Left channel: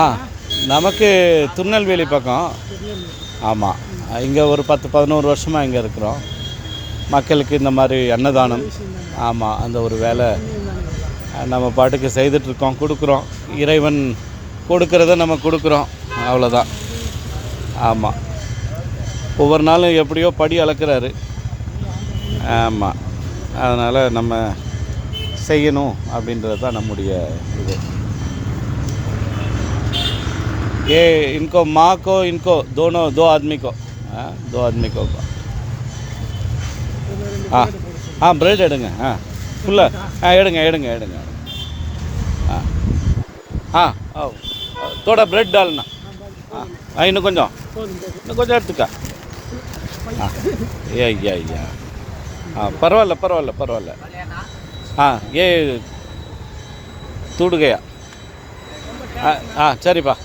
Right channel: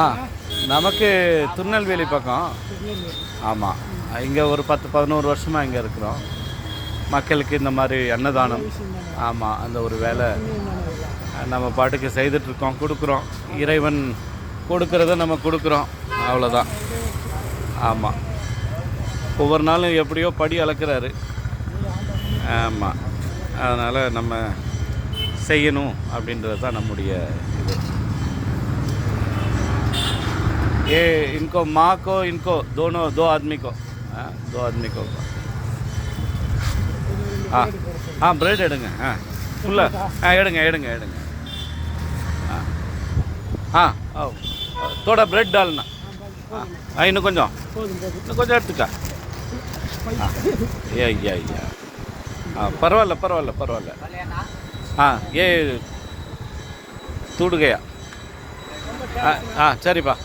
ஆ நமக்கு திருநெல்வேலி பக்கம். ஆமாம், இங்கே ஒரு 10-11 வருஷமாக இங்கே இருக்கிறோம். மக்களுக்கு இந்த மாதிரி அன்னதானம், ஆமாம், அந்த ஒரு வேலை நம்ம பாட்டுக்கு செய்துட்ருக்கோம், கொடுக்குறோம். இறைவன் கொடுக்குறத நம்ம கொடுக்குறோம், அவ்வளோதான். ஆமாம், ஒவ்வொரு நாளும் எப்படியோ படி அளக்கிறாரு. ஆமாம், அதனால் நம்ம செய்யணும் அப்படின்றது தான் நம்முடைய இது. ये इनको माँ को इनको दोनों 2 आदमी को, हाँ 2 आदमी को. हाँ हाँ ब्रेड எடுங்க. ஃபுல்லாக எடுங்க எடுங்க எடுங்க. हाँ हाँ आओ थोड़ा ब्रेड डालना. இன்னும் கொஞ்சம் எடுத்துக்கா. ஐயா பரவாயில்ல பரவாயில்ல பரவாயில்ல. ये टूट गया. சரிப்பா.